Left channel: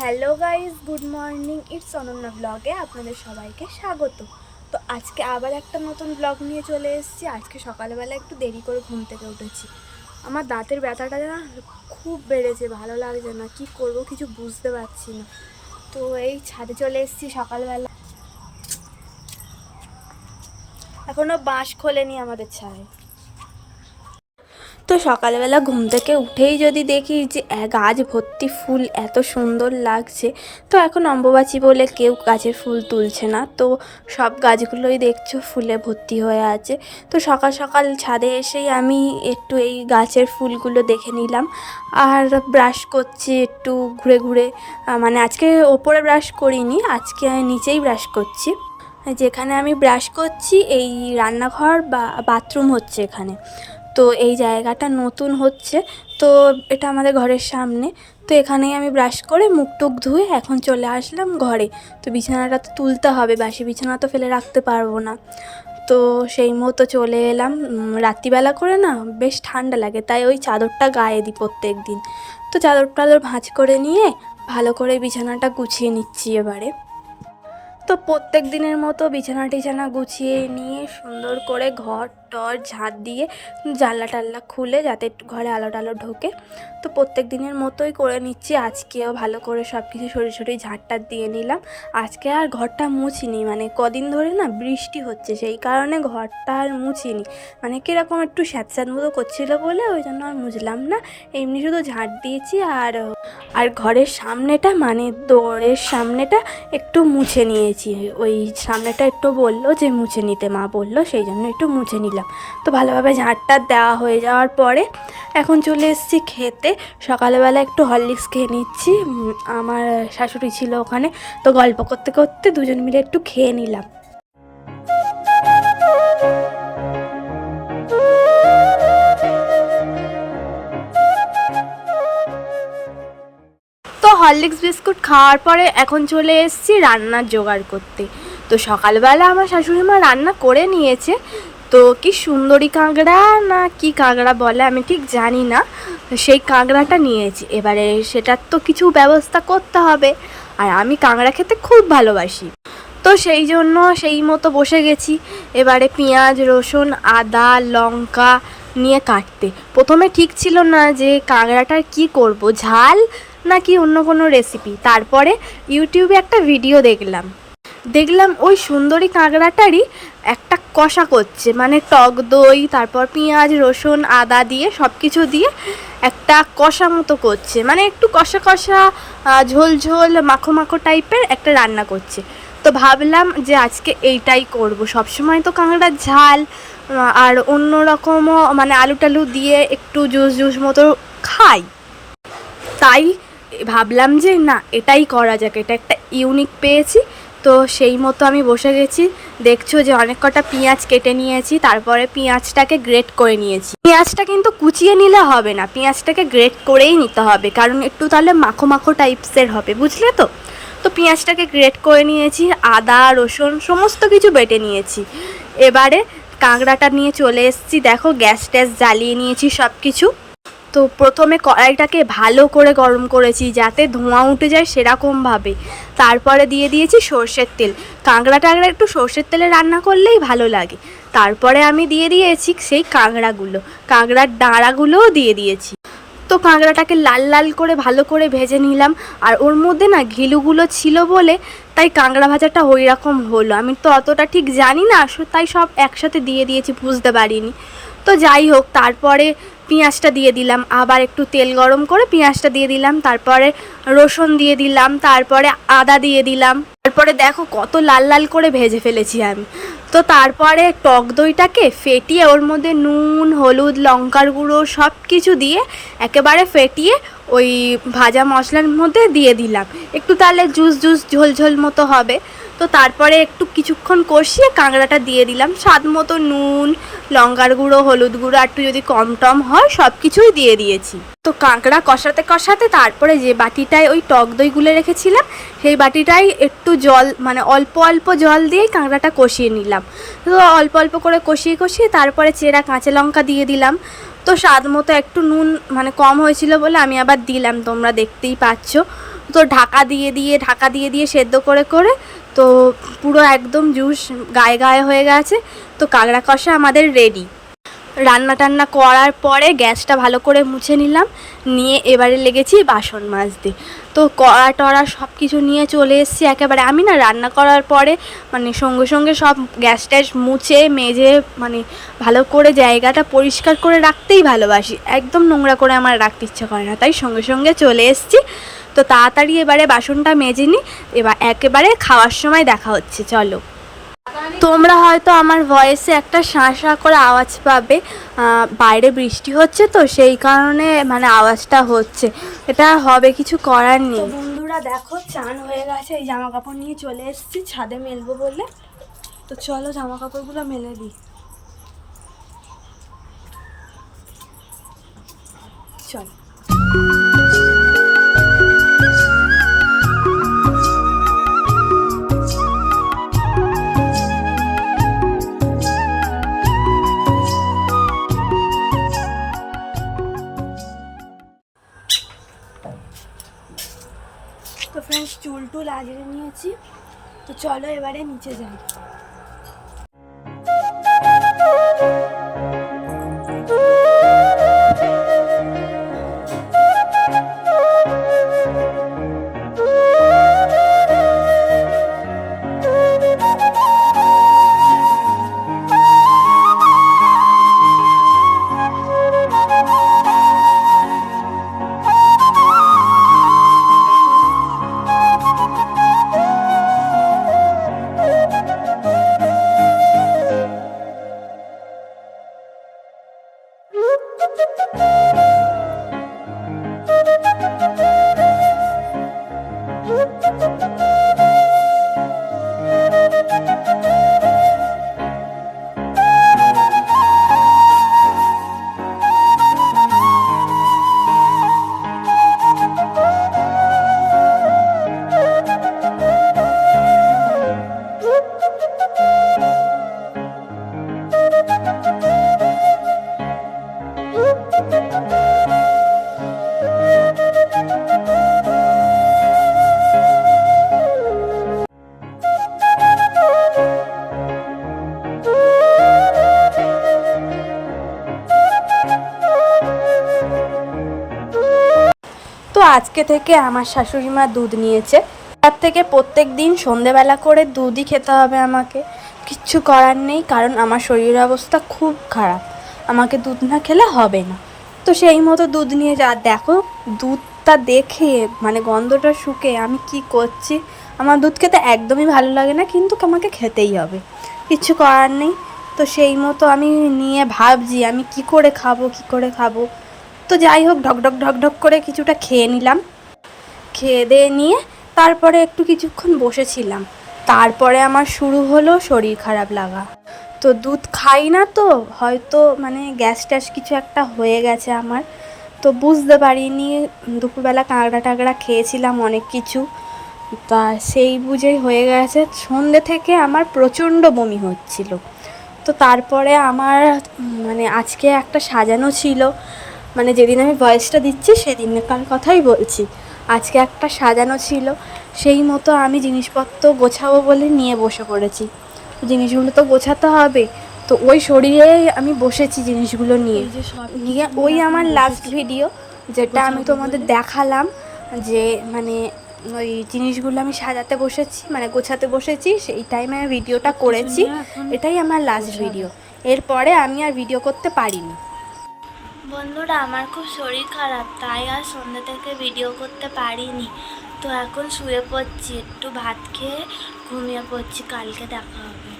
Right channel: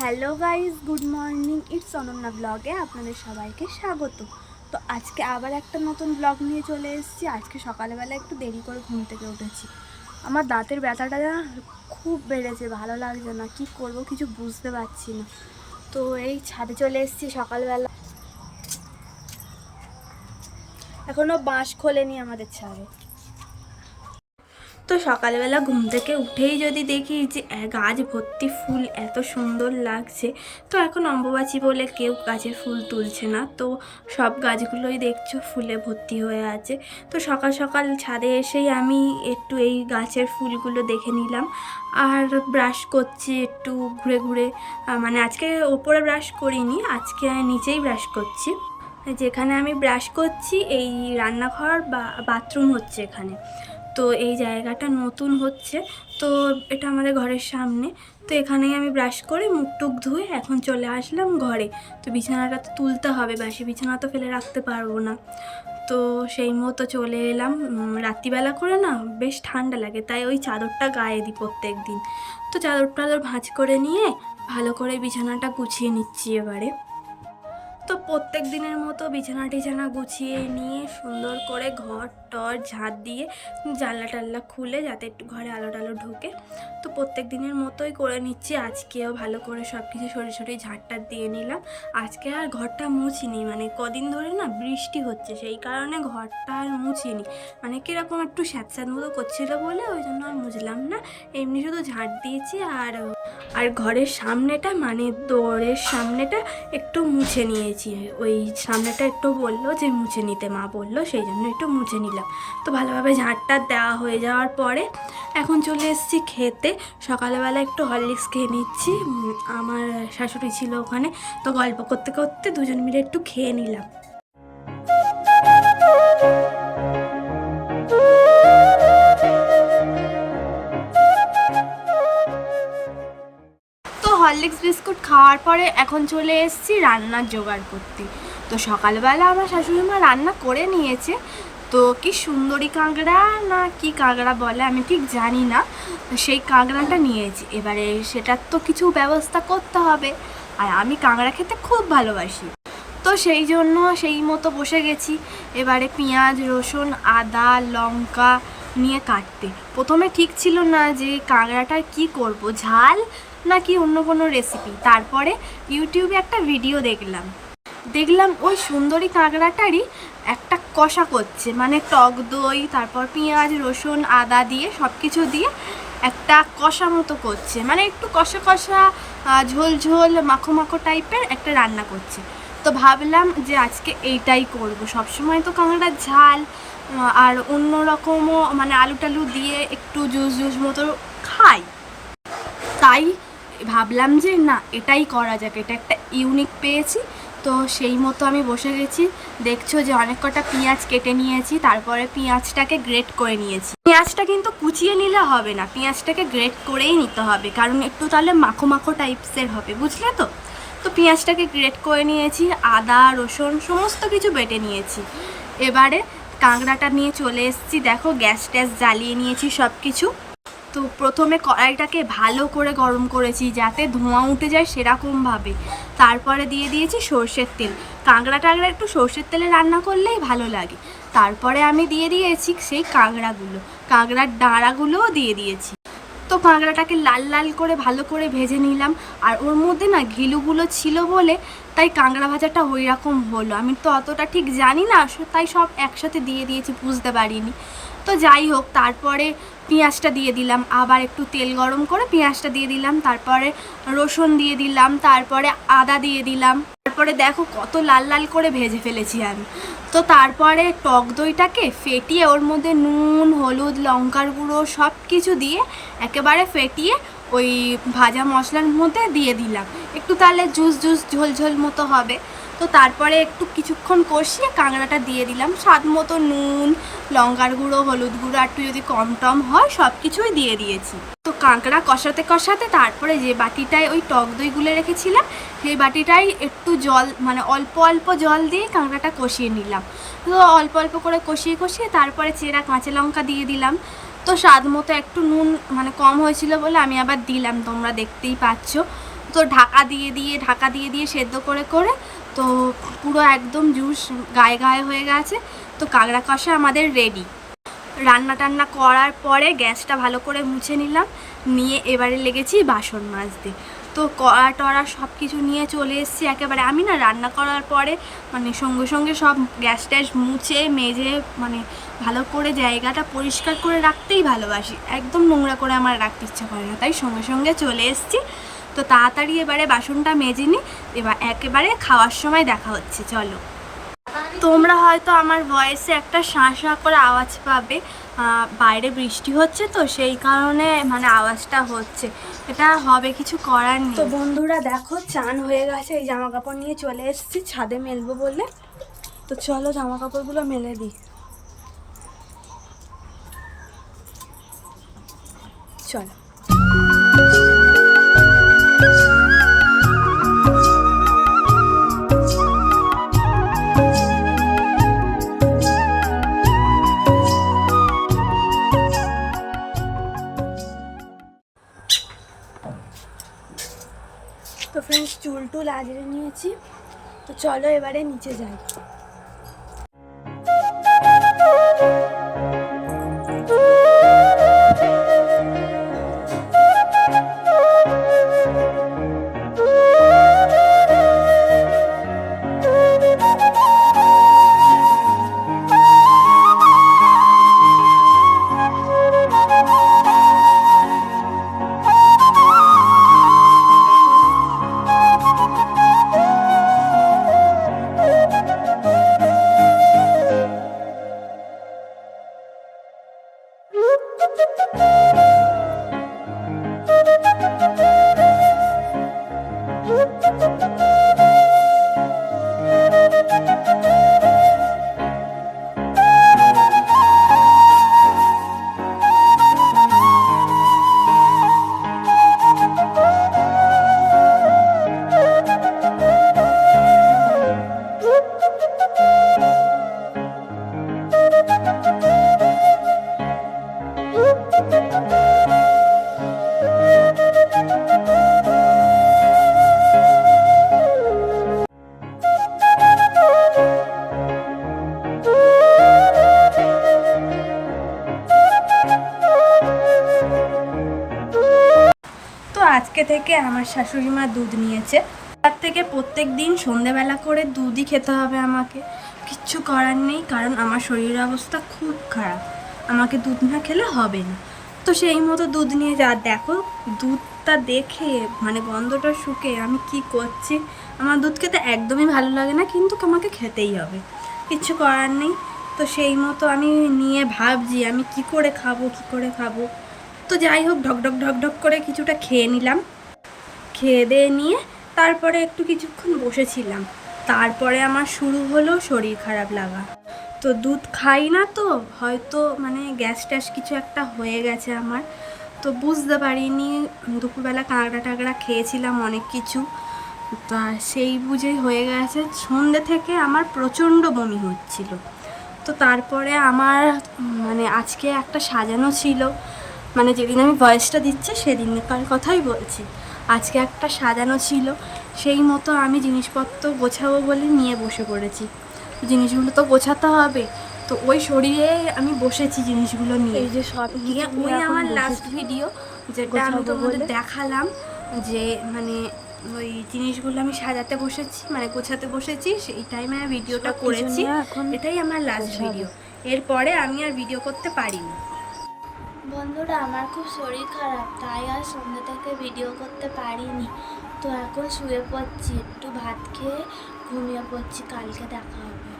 Hello guys, good morning. It's Ananya ব্লগে আপনাদের সবাইকে স্বাগত। তো আজকে আবার একটা নতুন ব্লগ নিয়ে চলে এসেছি। আজকে সকালবেলা একটু দেরি করে ঘুম থেকে উঠেছি। আমার দাঁতের ব্যথাটা না খুব বেড়েছে, ভালো লাগছে না, কি করব কিছু বুঝতে পারছি না। তো এই ছাদে চলে এসেছি সকালবেলা। এখনও বাঁশ খোলেনি আমাদের ছাদে। তো সকালবেলা ঘুম থেকে উঠেই যদি দেখি যে গাছ ভর্তি ফুল, এত সুন্দর লাগছে। তো এখন অম্বুবাচী বলে কেউ গাছের ফুল তুলছে না, তো সব গাছগুলোই দেখছো ফুলে ভর্তি হয়ে আছে। তো সকাল সকাল ছাদে এসেই আমি একটু এই গাছের ফুলগুলো দেখে নিলাম আর ব্রাশ করছি একটু ঘুরে ঘুরে। মানে আজকে ওপরে ব্রাশ করিনি, আজকে নিচেই ব্রাশ করছি। যেখানে আমি ব্রাশ করছি এই রান্নাঘর বা বাথরুম হচ্ছে এখানে। তো এই জায়গাটা নতুন হচ্ছে, তো এটা আমাদের ঘরের সামনে। তো এখানে আমি ব্রাশ করে মুখ টুক ধুয়ে এখন চলে আসলাম ঘরে। তো বিছানাটা তো তুলতে হবে, বাসি বিছানা তো ফেলে রাখতে পারবো না। তো সেই মতো চলে এলাম। রাত্রিবেলা করে না বেশ ঠান্ডা লাগে, তাই ওই চাদরটা গায়ে দিই প্রত্যেক দিন। তো চাদর ভাঁজ করে নিয়ে ভালো করে বিছানাটা গুছিয়ে নিচ্ছি এবারে। তো প্রত্যেক দিনের মতো বিছানা টিছানা গুছিয়ে নিয়ে সুন্দর করে ঘর টর ঝাঁট দিয়ে জানলা টাল্লা খুলে যাতে একটু ঘরে আলো টালো ঢোকে। তো প্রত্যেক দিনের মতোই করে নিচ্ছি। আজকেও ভালো করে সব কিছু সরে ঝাঁটটা দিয়ে নিলাম। আজকে আর ঘরটা মুছিনি, মানে কদিন ধরে না বৃষ্টি হচ্ছে, সেই কারণে ঘরটা আর মুছিনি। মানে কীরকম একটু স্যাঁতস্যাঁত মতো করছিলো বলে ওই জন্য আর মুছলাম না। এমনি শুধু ঝাঁট দিয়েছি আর ঘরের সামনেটা, মানে দোরের সামনেটা একটু মুছে নিয়েছি। ওই সামনেটা একটু বললো যে মুছে নিতে, মা বললো, সেই জন্য একটু মুছে নিলাম। তো ভালোভাবে ঝাঁটটা দেওয়া হয়ে যাওয়ার পরে এখন চলে এসেছি খেতে। সকালবেলা একটু হরলিক্স খেয়ে নিচ্ছি। আমার শাশুড়ি ছিল ওখানে, তো গল্প করতে করতে দুজন মিলে একটু খেয়ে নিলাম। তো হরলিক্স বিস্কুট খাওয়ার পরে এখন চলে এসেছি রান্নার জোগাড় করতে। তো সকালবেলা আমার শাশুড়ি মা রান্না করে নিয়েছে। তো কি সুন্দরী কাঁকড়া না কি কাঁকড়া বলে আমি ঠিক জানি না, সেই কাঁকড়াটা নিয়েছি। এবারে সেটার তো কিছু ব্যবস্থা করতে হবে, আর আমি কাঁকড়া খেতে খুব ভালোবাসি। তো সেই জন্য সেই মতো বসে গেছি এবারে পেঁয়াজ রসুন আদা লঙ্কা নিয়ে কাটতে। প্রথমে ঠিক ছিল না যে কাঁকড়াটার কি করব, ঝাল নাকি অন্য কোনো রেসিপি। তারপরে ইউটিউবে একটা ভিডিও দেখলাম ওই সুন্দরী কাঁকড়াটারই একটা কষা করছে, মানে টক দই তারপর পেঁয়াজ রসুন আদা দিয়ে সব কিছু দিয়ে একটা কষা মতো করছে, মানে একটু কষা কষা ঝোল ঝোল মাখো মাখো টাইপের একটা রান্না করছে। তো ভাবলাম যে আজকে এইটাই করব। সবসময় তো কাঁকড়ার ঝাল আর অন্য রকমও, মানে আলু টালু দিয়ে একটু জুস মতো খাই, তাই ভাবলাম যে না এটাই করা যাক, এটা একটা ইউনিক পেয়েছি। তো সেই মতো আমি বসে গেছি। দেখছো যে অনেক কটা পেঁয়াজ কেটে নিয়েছি, তারপরে পেঁয়াজটাকে গ্রেট করে নিয়েছি। পেঁয়াজটা কিন্তু কুচিয়ে নিলে হবে না, পেঁয়াজটাকে গ্রেট করেই নিতে হবে, কারণ একটু তাহলে মাখো মাখো টাইপসের হবে, বুঝলে তো। তো পেঁয়াজটাকে গ্রেট করে নিয়েছি, আদা রসুন সমস্ত কিছু বেটে নিয়েছি। এবারে কাঁকড়াটা নিয়ে চলে এসেছি। দেখো গ্যাস ট্যাস জ্বালিয়ে নিয়েছি সব কিছু। তো প্রথমে কড়াইটাকে ভালো করে গরম করেছি যাতে ধোঁয়া উঠে যায় সেরকমভাবে। তারপরে দিয়ে দিয়েছি সর্ষের তেল। কাঁকড়া একটু সর্ষের তেলে রান্না করলেই ভালো লাগে। তারপরে আমি দিয়ে দিয়েছি সেই কাঁকড়ার ডাঁড়াগুলোও দিয়ে দিয়েছি। তো কাঁকড়াটাকে লাল লাল করে ভালো করে ভেজে নিলাম। আর ওর মধ্যে না ঘিলুগুলো ছিল বলে তাই কাঁকড়া ভাজাটা ওই রকম হলো। আমি তো অতটা ঠিক জানি না, তাই সব একসাথে দিয়ে দিয়েছি, বুঝতে পারিনি। তো যাই হোক, তারপরে পেঁয়াজটা দিয়ে দিলাম, আবার একটু তেল গরম করে পেঁয়াজটা দিয়ে দিলাম, তারপরে রসুন দিয়ে দিলাম, তারপরে আদা দিয়ে দিলাম। তারপরে দেখো কত লাল লাল করে ভেজে ফেলেছি আমি। তো তারপরে টক দইটাকে ফেটিয়ে ওর মধ্যে নুন হলুদ লঙ্কার গুঁড়ো সব কিছু দিয়ে একেবারে ফেটিয়ে ওই ভাজা মশলার মধ্যে দিয়ে দিলাম, একটু তাহলে জুস ঝোল ঝোল মতো হবে। তো তারপরে একটু কিছুক্ষণ কষিয়ে কাঁকড়াটা দিয়ে দিলাম, স্বাদ মতো নুন লঙ্কার গুঁড়ো হলুদ গুঁড়ো একটু যদি কম টম হয় সব কিছুই দিয়ে দিয়েছি। তো কাঁকড়া কষাতে কষাতে তারপরে যে বাটিটায় ওই টক দই গুলে রেখেছিলাম সেই বাটিটায় একটু জল, মানে অল্প অল্প জল দিয়ে কাঁকড়াটা কষিয়ে নিলাম। তো অল্প অল্প করে কষিয়ে তারপরে চেরা কাঁচা লঙ্কা দিয়ে দিলাম। তো স্বাদ মতো একটু নুন মানে কম হয়েছিল বলে আমি আবার দিলাম, তোমরা দেখতেই পাচ্ছ। তো তো ঢাকা দিয়ে দিয়ে সেদ্ধ করে করে তো পুরো একদম জুস গায়ে গায়ে হয়ে গেছে। তো কাঁকড়া কষা আমাদের রেডি। রান্না টান্না করার পরে গ্যাসটা ভালো করে মুছে নিলাম, নিয়ে এবারে লেগেছি বাসন মাজতে। তো কড়া টড়া সব কিছু নিয়ে চলে এসেছি একেবারে। আমি না রান্না করার পরে মানে সঙ্গে সঙ্গে সব গ্যাস ট্যাস মুছে মেজে মানে ভালো করে জায়গাটা পরিষ্কার করে রাখতেই ভালোবাসি, একদম নোংরা করে আমার রাখতে ইচ্ছা করে না, তাই সঙ্গে সঙ্গে চলে এসেছি। তো তাড়াতাড়ি এবারে বাসনটা মেজে নিই, এবার একেবারে খাওয়ার সময় দেখা হচ্ছে, চলো। তোমরা হয়তো আমার ভয়েসে একটা শাঁ করে আওয়াজ পাবে, বাইরে বৃষ্টি হচ্ছে তো সেই কারণে মানে আওয়াজটা হচ্ছে, এটা হবে, কিছু করার নেই। তো বন্ধুরা দেখো চান হয়ে গেছে, এই জামা কাপড় নিয়ে চলে এসেছি ছাদে মেলবো বলে। তো চলো জামা কাপড়গুলো মেলে দিই, চলো। তো ফ্রেন্ডস চুল টুল আজরে নিয়েছি, তো চলো এবারে নিচে যাই। আজকে থেকে আমার শাশুড়ি মা দুধ নিয়েছে, তার থেকে প্রত্যেক দিন সন্ধেবেলা করে দুধই খেতে হবে আমাকে, কিচ্ছু করার নেই, কারণ আমার শরীরের অবস্থা খুব খারাপ, আমাকে দুধ না খেলে হবে না। তো সেই মতো দুধ নিয়ে যা, দেখো দুধটা দেখে মানে গন্ধটা শুকে আমি কি করছি, আমার দুধ খেতে একদমই ভালো লাগে না, কিন্তু আমাকে খেতেই হবে, কিচ্ছু করার নেই। তো সেই মতো আমি নিয়ে ভাবছি আমি কি করে খাবো। তো যাই হোক ঢক করে কিছুটা খেয়ে নিলাম, খেয়ে দিয়ে নিয়ে তারপরে একটু কিছুক্ষণ বসেছিলাম, তারপরে আমার শুরু হলো শরীর খারাপ লাগা। তো দুধ খাই না তো হয়তো মানে গ্যাস ট্যাস কিছু একটা হয়ে গেছে আমার, তো বুঝতে পারিনি, দুপুরবেলা কাঁকড়া টাকড়া খেয়েছিলাম অনেক কিছু, তা সেই বুঝেই হয়ে গেছে। সন্ধ্যে থেকে আমার প্রচণ্ড বমি হচ্ছিল। তো তারপরে আমার মানে আজকে একটা সাজানো ছিল, মানে যেদিন আমি ভয়েসটা দিচ্ছি সেদিনকার কথাই বলছি, আজকে একটা সাজানো ছিল, সেই মতো আমি জিনিসপত্র গোছাবো বলে নিয়ে বসে পড়েছি। জিনিসগুলো তো গোছাতে হবে, তো ওই শরীরে আমি বসেছি জিনিসগুলো নিয়ে। এই যে সব নিয়ে ওই আমার লাস্ট ভিডিও যেটা আমি তোমাদের দেখালাম, যে মানে ওই জিনিসগুলো আমি সাজাতে বসেছি মানে গোছাতে বসেছি, সেই টাইমে আমি ভিডিওটা করেছি, এটাই আমার লাস্ট ভিডিও, এরপরে আমি আর ভিডিও করতে পারিনি। বন্ধুরা আমার খুব শরীর খারাপ, তাই আর সন্ধ্যা থেকে ভিডিও করতে পারিনি। তো এখন শুয়ে পড়ছি, একটু ভাত খেয়ে ঘুমিয়ে পড়ছি, কালকে দেখা হবে।